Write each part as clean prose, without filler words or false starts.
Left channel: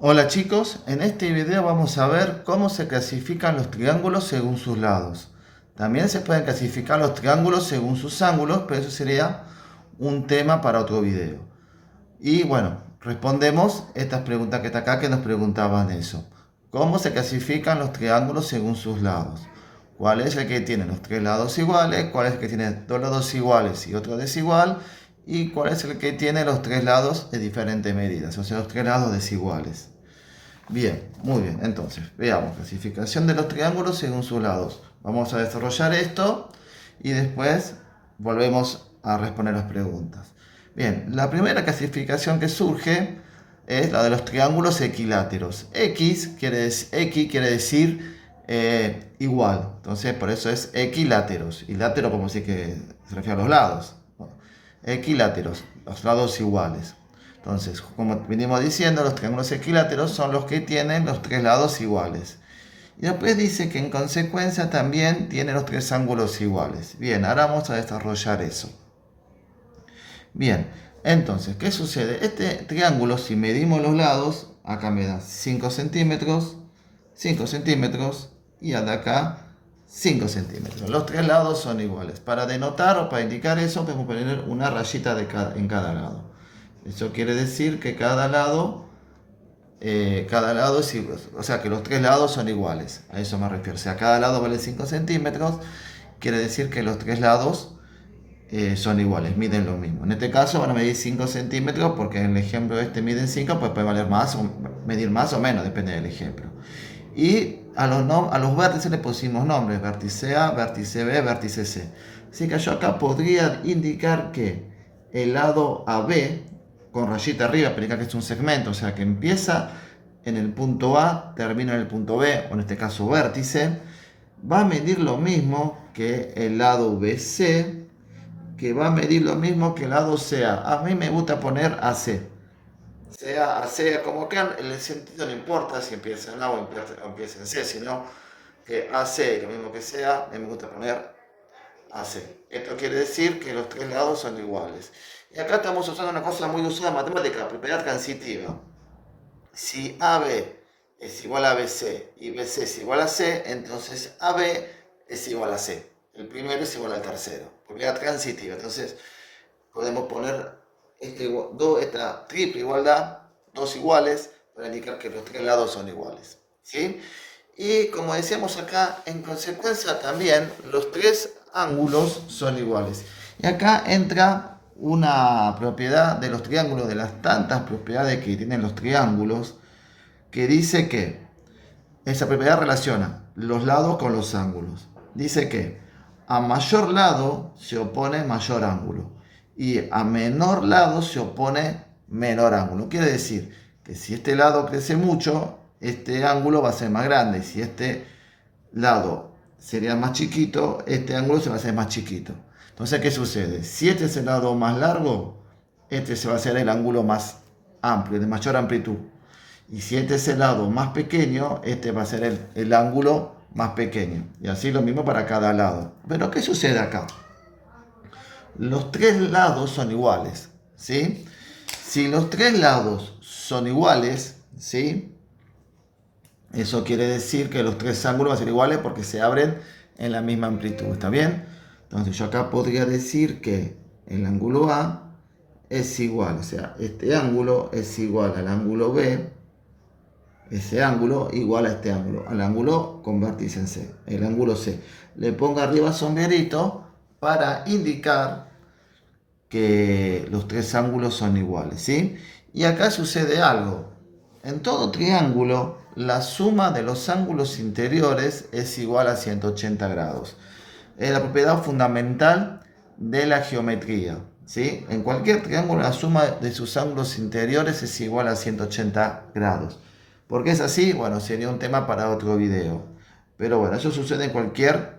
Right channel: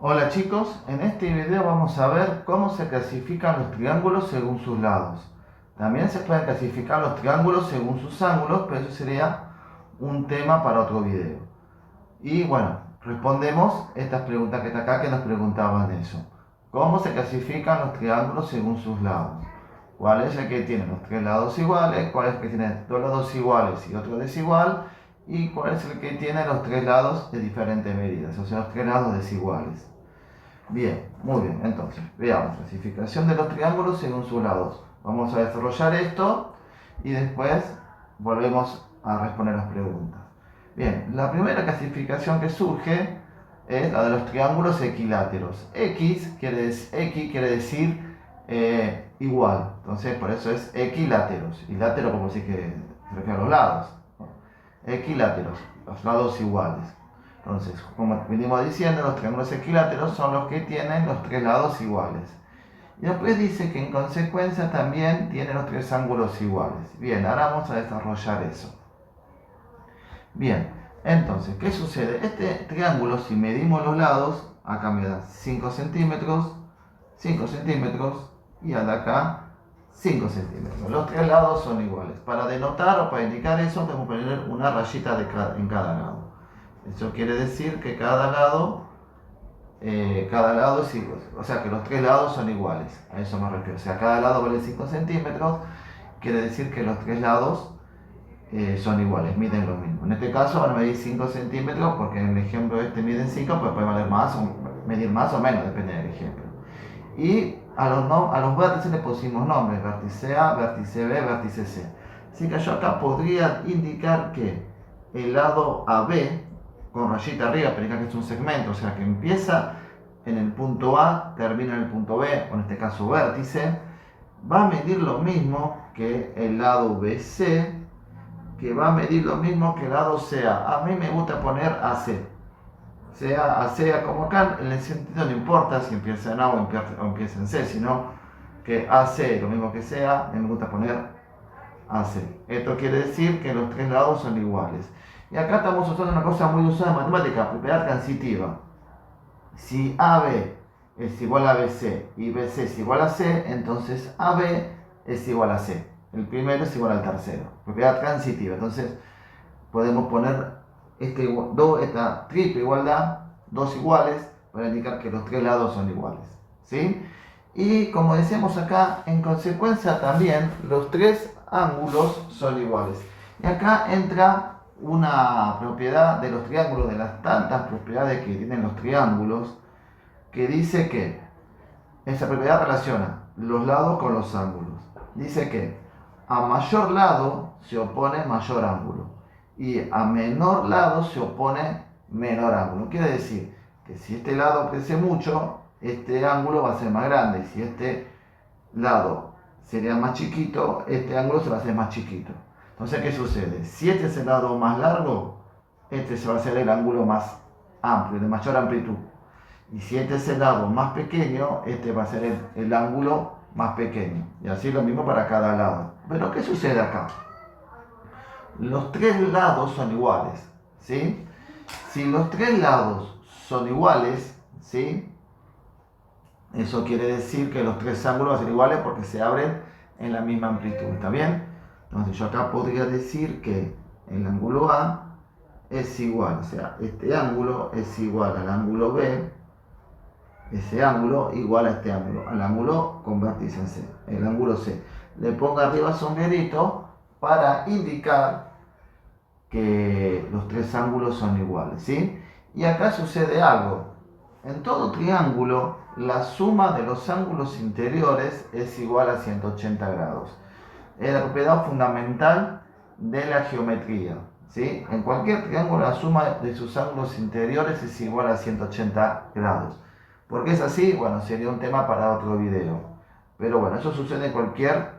Hola chicos, en este video vamos a ver cómo se clasifican los triángulos según sus lados. También se pueden clasificar los triángulos según sus ángulos, pero eso sería un tema para otro video. Y bueno, respondemos estas preguntas que está acá que nos preguntaban eso. ¿Cómo se clasifican los triángulos según sus lados? ¿Cuál es el que tiene los tres lados iguales? ¿Cuál es el que tiene dos lados iguales y otro desigual? ¿Y cuál es el que tiene los tres lados de diferentes medidas? O sea, los tres lados desiguales. Bien, muy bien. Entonces, veamos, clasificación de los triángulos según sus lados. Vamos a desarrollar esto y después volvemos a responder las preguntas. Bien, la primera clasificación que surge es la de los triángulos equiláteros. X quiere decir igual, entonces por eso es equiláteros. Y látero como si que se refiere a los lados. Bueno, equiláteros, los lados iguales. Entonces, como venimos diciendo, los triángulos equiláteros son los que tienen los tres lados iguales. Y después dice que en consecuencia también tiene los tres ángulos iguales. Bien, ahora vamos a desarrollar eso. Bien, entonces, ¿qué sucede? Este triángulo, si medimos los lados, acá me da 5 centímetros, 5 centímetros y de acá 5 centímetros. Los tres lados son iguales. Para denotar o para indicar eso, podemos poner una rayita en cada lado. Eso quiere decir que cada lado es igual, o sea que los tres lados son iguales, a eso me refiero. O sea, cada lado vale 5 centímetros, quiere decir que los tres lados son iguales, miden lo mismo. En este caso van a medir 5 centímetros porque en el ejemplo este miden 5, pues puede valer más o medir más o menos, depende del ejemplo. Y a los vértices le pusimos nombres, vértice A, vértice B, vértice C. Así que yo acá podría indicar que el lado AB, con rayita arriba, para indicar que es un segmento, o sea que empieza en el punto A, termina en el punto B, o en este caso vértice, va a medir lo mismo que el lado BC, que va a medir lo mismo que el lado CA. A mí me gusta poner AC. Sea A, sea como acá, en el sentido no importa si empieza en A o empieza en C, sino que AC, lo mismo que sea, me gusta poner AC. Esto quiere decir que los tres lados son iguales. Y acá estamos usando una cosa muy usada en matemática, propiedad transitiva. Si AB es igual a BC y BC es igual a C, entonces AB es igual a C. El primero es igual al tercero. Propiedad transitiva. Entonces podemos poner esta triple igualdad, dos iguales, para indicar que los tres lados son iguales. ¿Sí? Y como decíamos acá, en consecuencia también los tres ángulos son iguales. Y acá entra una propiedad de los triángulos, de las tantas propiedades que tienen los triángulos, que dice que esa propiedad relaciona los lados con los ángulos. Dice que a mayor lado se opone mayor ángulo y a menor lado se opone menor ángulo. Quiere decir que si este lado crece mucho, este ángulo va a ser más grande. Si este lado sería más chiquito, este ángulo se va a hacer más chiquito. Entonces, ¿qué sucede? Si este es el lado más largo, este se va a hacer el ángulo más amplio, de mayor amplitud. Y si este es el lado más pequeño, este va a ser el ángulo más pequeño. Y así lo mismo para cada lado. Pero ¿qué sucede acá? Los tres lados son iguales, ¿sí? Si los tres lados son iguales, ¿sí? Eso quiere decir que los tres ángulos van a ser iguales porque se abren en la misma amplitud, ¿está bien? Entonces yo acá podría decir que el ángulo A es igual, o sea, este ángulo es igual al ángulo B, ese ángulo igual a este ángulo, al ángulo con vértice en C, el ángulo C. Le pongo arriba sombrerito para indicar que los tres ángulos son iguales, ¿sí? Y acá sucede algo. En todo triángulo, la suma de los ángulos interiores es igual a 180 grados. Es la propiedad fundamental de la geometría, ¿sí? En cualquier triángulo, la suma de sus ángulos interiores es igual a 180 grados. ¿Por qué es así? Bueno, sería un tema para otro video. Pero bueno, eso sucede en cualquier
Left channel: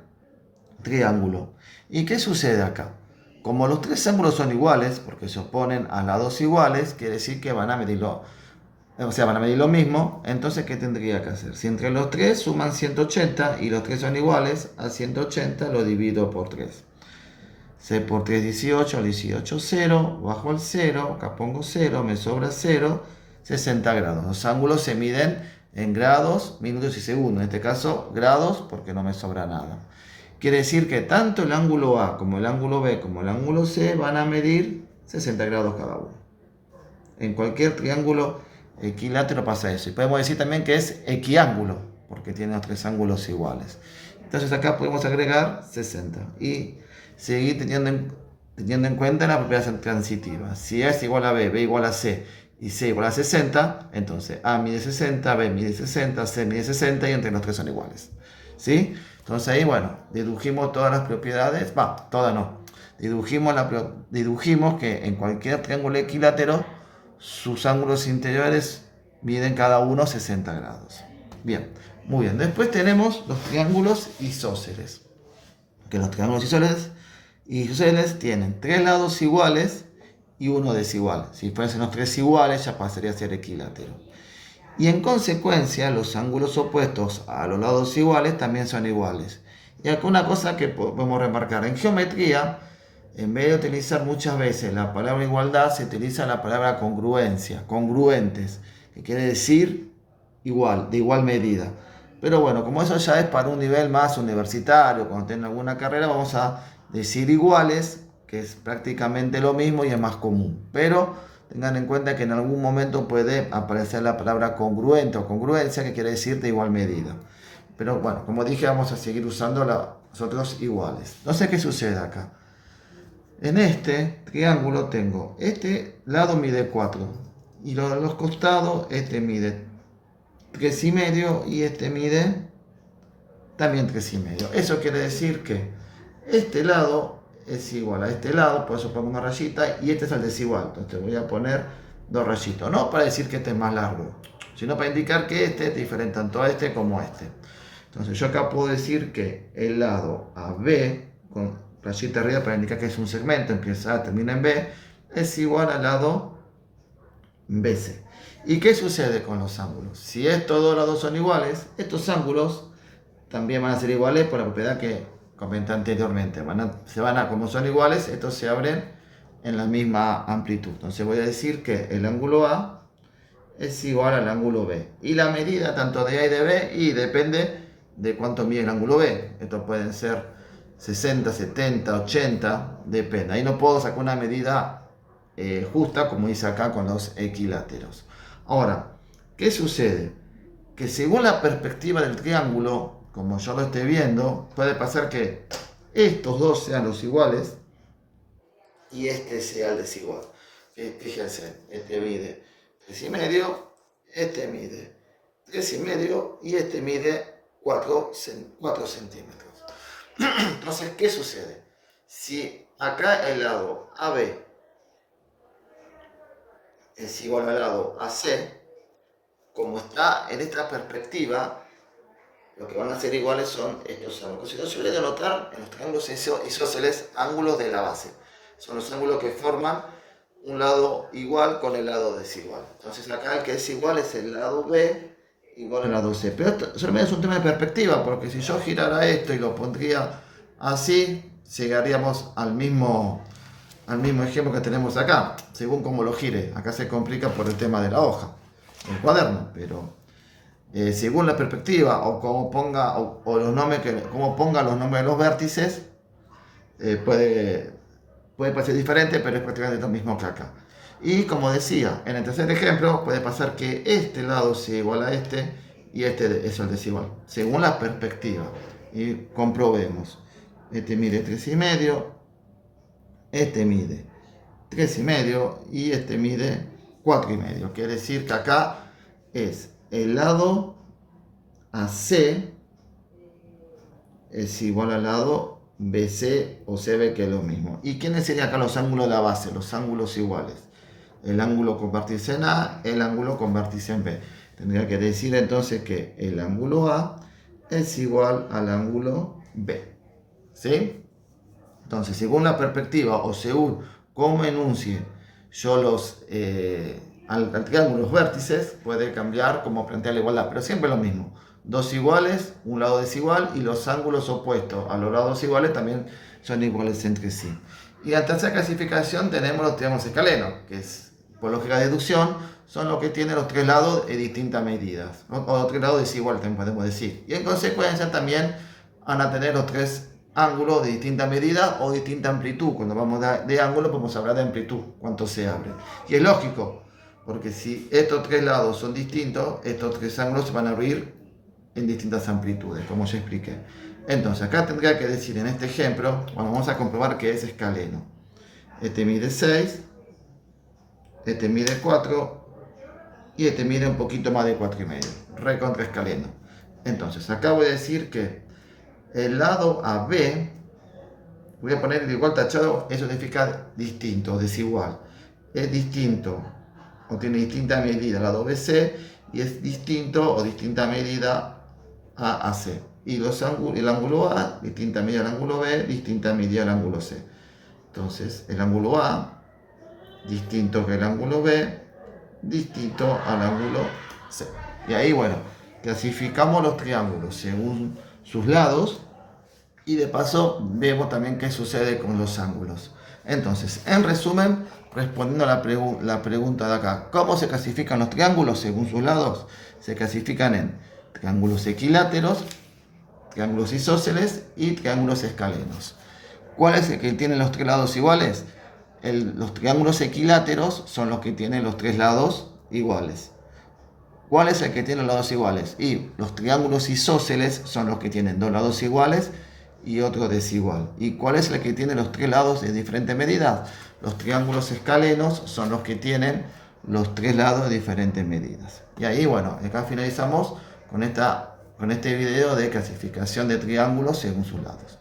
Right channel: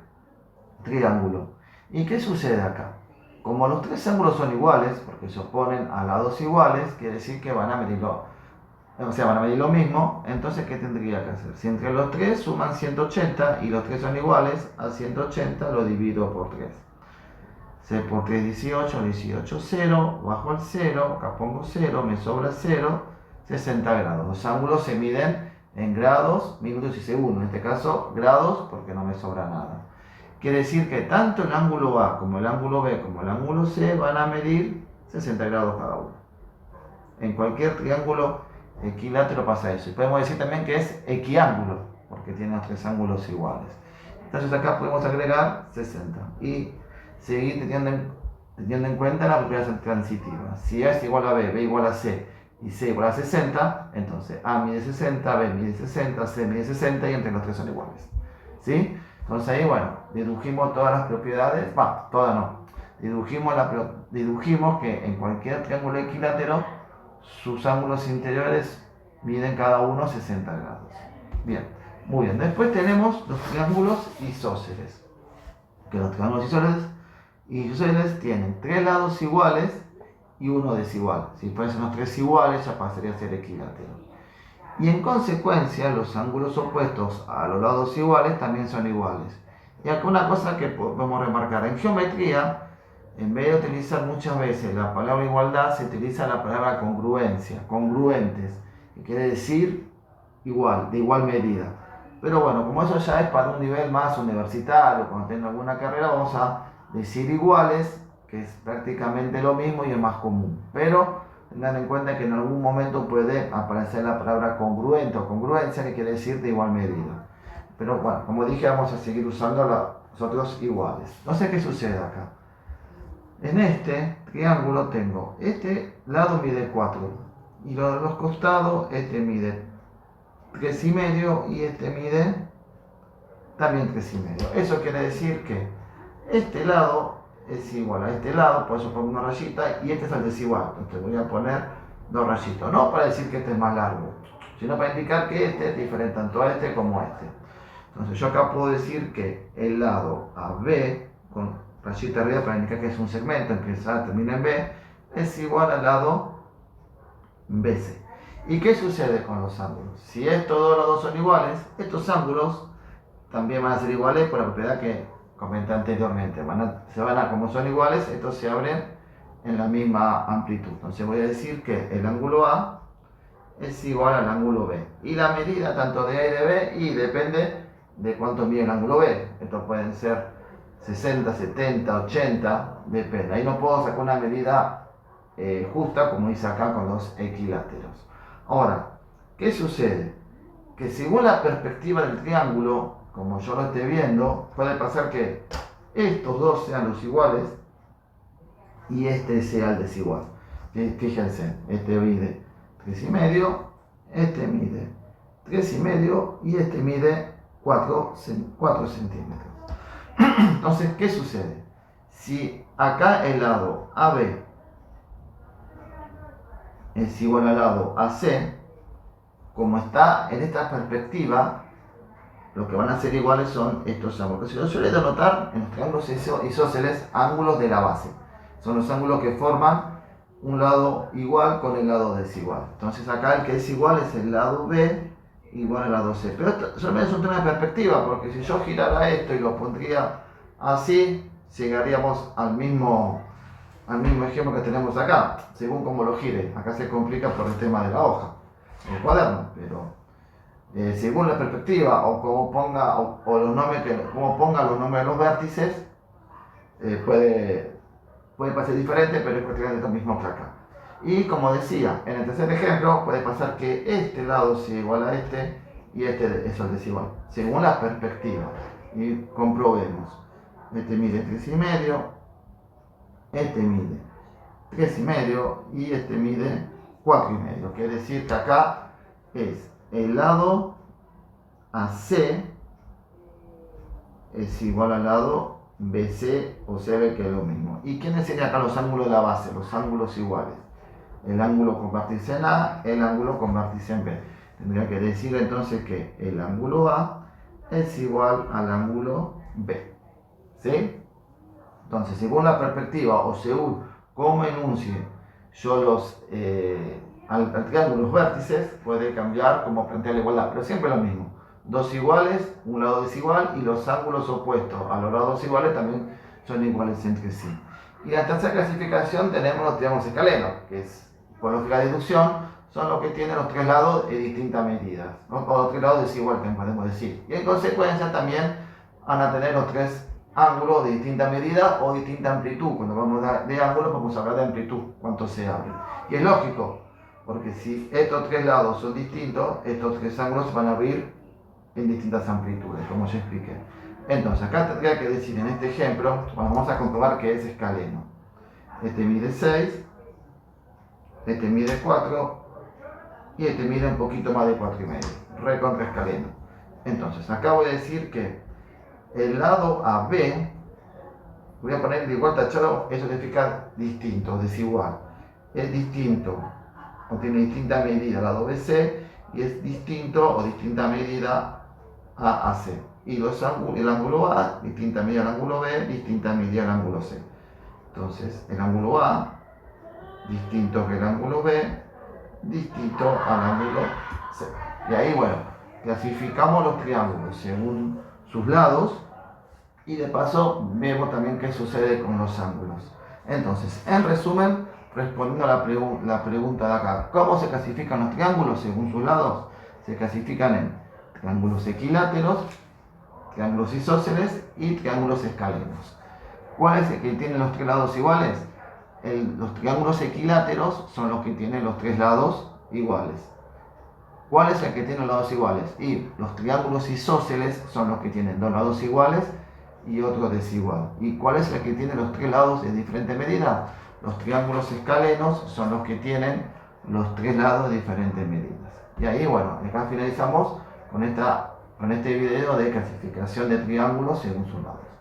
triángulo. ¿Y qué sucede acá? Como los tres ángulos son iguales, porque se oponen a lados iguales, quiere decir que van a medirlo, o sea, van a medir lo mismo. Entonces, ¿qué tendría que hacer? Si entre los tres suman 180 y los tres son iguales, a 180 lo divido por 3. C por 3, 18, 18, 0, bajo el 0, acá pongo 0, me sobra 0. 60 grados. Los ángulos se miden en grados, minutos y segundos. En este caso, grados, porque no me sobra nada. Quiere decir que tanto el ángulo A como el ángulo B como el ángulo C van a medir 60 grados cada uno. En cualquier triángulo equilátero pasa eso. Y podemos decir también que es equiángulo, porque tiene los tres ángulos iguales. Entonces acá podemos agregar 60 y seguir teniendo en cuenta la propiedad transitiva. Si A es igual a B, B igual a C y C igual a 60, entonces A mide 60, B mide 60, C mide 60 y entre los tres son iguales. ¿Sí? Entonces ahí, bueno, dedujimos todas las propiedades, todas no. Dedujimos que en cualquier triángulo equilátero sus ángulos interiores miden cada uno 60 grados. Bien, muy bien. Después tenemos los triángulos isósceles. Que los triángulos isósceles tienen tres lados iguales y uno desigual. Si fuesen los tres iguales, ya pasaría a ser equilátero. Y en consecuencia, los ángulos opuestos a los lados iguales también son iguales. Y acá una cosa que podemos remarcar. En geometría, en vez de utilizar muchas veces la palabra igualdad, se utiliza la palabra congruencia, congruentes, que quiere decir igual, de igual medida. Pero bueno, como eso ya es para un nivel más universitario, cuando tengan alguna carrera, vamos a decir iguales, que es prácticamente lo mismo y es más común. Pero tengan en cuenta que en algún momento puede aparecer la palabra congruente o congruencia, que quiere decir de igual medida. Pero bueno, como dije, vamos a seguir usando los otros iguales. No sé qué sucede acá. En este triángulo tengo, este lado mide 4 y los costados, este mide 3,5 y este mide también 3,5. Eso quiere decir que este lado es igual a este lado, por eso pongo una rayita, y este es el desigual. Entonces voy a poner dos rayitos, no para decir que este es más largo, sino para indicar que este es diferente tanto a este como a este. Entonces yo acá puedo decir que el lado AB, con rayita arriba para indicar que es un segmento, empieza, termina en B, es igual al lado BC. ¿Y qué sucede con los ángulos? Si estos dos lados son iguales, estos ángulos también van a ser iguales por la propiedad que comenté anteriormente. Como son iguales, estos se abren en la misma amplitud. Entonces voy a decir que el ángulo A es igual al ángulo B. Y la medida tanto de A y de B, y depende de cuánto mide el ángulo B. Estos pueden ser 60, 70, 80, depende. Ahí no puedo sacar una medida justa como hice acá con los equiláteros. Ahora, ¿qué sucede? Que según la perspectiva del triángulo, como yo lo esté viendo, puede pasar que estos dos sean los iguales y este sea el desigual. Fíjense, este mide 3,5, este mide 3,5 y este mide 4 centímetros. Entonces, ¿qué sucede? Si acá el lado AB es igual al lado AC, como está en esta perspectiva, lo que van a ser iguales son estos ángulos. Yo suelo denotar en los triángulos isósceles ángulos de la base. Son los ángulos que forman un lado igual con el lado desigual. Entonces acá el que es igual es el lado B igual al lado C. Pero esto solamente es un tema de perspectiva, porque si yo girara esto y lo pondría así, llegaríamos al mismo ejemplo que tenemos acá, según cómo lo gire. Acá se complica por el tema de la hoja, el cuaderno, pero según la perspectiva o cómo ponga cómo ponga los nombres de los vértices, puede parecer diferente, pero es prácticamente lo mismo que acá. Y como decía, en el tercer ejemplo puede pasar que este lado sea igual a este y este es el desigual, según la perspectiva. Y comprobemos. Este mide 3,5, este mide 3,5 y este mide 4,5. Quiere decir que acá es el lado AC es igual al lado BC o CB, que es lo mismo. ¿Y quiénes serían acá los ángulos de la base? Los ángulos iguales. El ángulo con vértice en A, el ángulo con vértice en B. Tendría que decir entonces que el ángulo A es igual al ángulo B. ¿Sí? Entonces, según la perspectiva o según cómo enuncie yo al triángulo los vértices, puede cambiar como plantea la igualdad, pero siempre lo mismo. Dos iguales, un lado desigual, y los ángulos opuestos a los lados iguales también son iguales entre sí. Y en la tercera clasificación tenemos los triángulos escalenos, que es, por lógica de deducción, son los que tienen los tres lados de distintas medidas, ¿no? O tres lados desiguales, podemos decir. Y en consecuencia también van a tener los tres ángulos de distinta medida o distinta amplitud. Cuando vamos de ángulo podemos hablar de amplitud, cuánto se abre. Y es lógico, porque si estos tres lados son distintos, estos tres ángulos se van a abrir en distintas amplitudes, como ya expliqué. Entonces acá tendría que decir en este ejemplo, bueno, vamos a comprobar que es escaleno. Este mide 6, este mide 4 y este mide un poquito más de 4,5, recontra escaleno. Entonces acá voy a decir que el lado AB, voy a poner igual tachado, eso significa distinto, desigual. Es distinto o tiene distinta medida al lado BC y es distinto o distinta medida a AC. Y el ángulo A, distinta medida al ángulo B, distinta medida al ángulo C. Entonces el ángulo A, distinto que el ángulo B, distinto al ángulo C. Y ahí, bueno, clasificamos los triángulos según sus lados y de paso vemos también qué sucede con los ángulos. Entonces, en resumen, respondiendo a la pregunta de acá, ¿cómo se clasifican los triángulos según sus lados? Se clasifican en triángulos equiláteros, triángulos isósceles y triángulos escalenos. ¿Cuál es el que tiene los tres lados iguales? Los triángulos equiláteros son los que tienen los tres lados iguales. ¿Cuál es el que tiene los lados iguales? Y los triángulos isósceles son los que tienen dos lados iguales y otro desigual. ¿Y cuál es el que tiene los tres lados de diferente medida? Los triángulos escalenos son los que tienen los tres lados de diferentes medidas. Y ahí, bueno, acá finalizamos con este video de clasificación de triángulos según sus lados.